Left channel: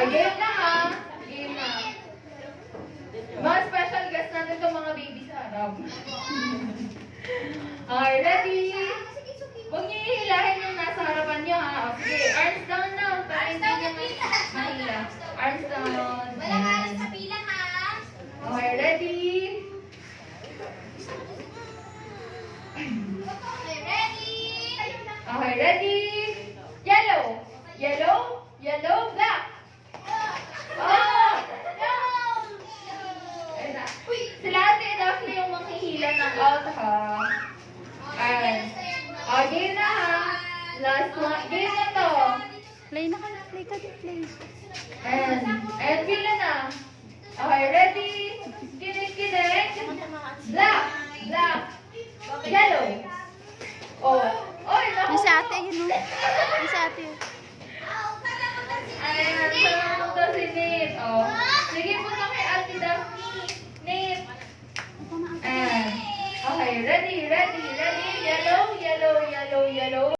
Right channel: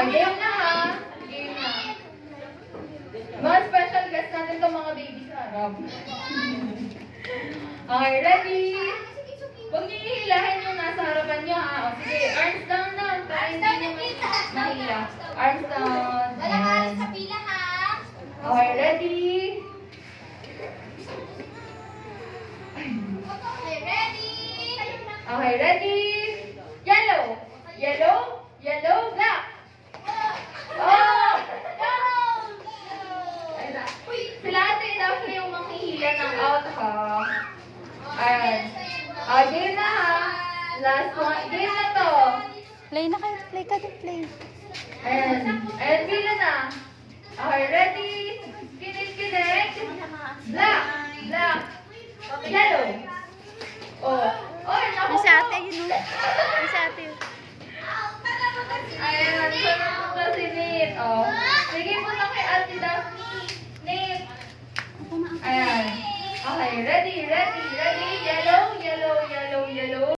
Game na ha. Game na. Mga special guest natin itong mga baby sa harap. Okay, ready? Huwag niyo ihilahin yung nasa harapan niya ha. Okay, arms down na. Para hindi niya mahila. Arms down. Walang aras sa pila ha. Okay, ready? Okay, ready? Okay, ready? Yellow! Yellow! Yellow! Black! Oh! Sila ate Rocky yung manghihila ng out ha. Ayan. Game na ha. Last one. Game na to. Play na kayo. Play ka din. Play. Ayan. Ayan, pila na. Okay, ready? Kinig, kinig. Black! Black! Yellow! Oh. Oh, naku. Yung sa ate yun. Yung sa ate yun. Ayan, sarap ko si Nate. Oh.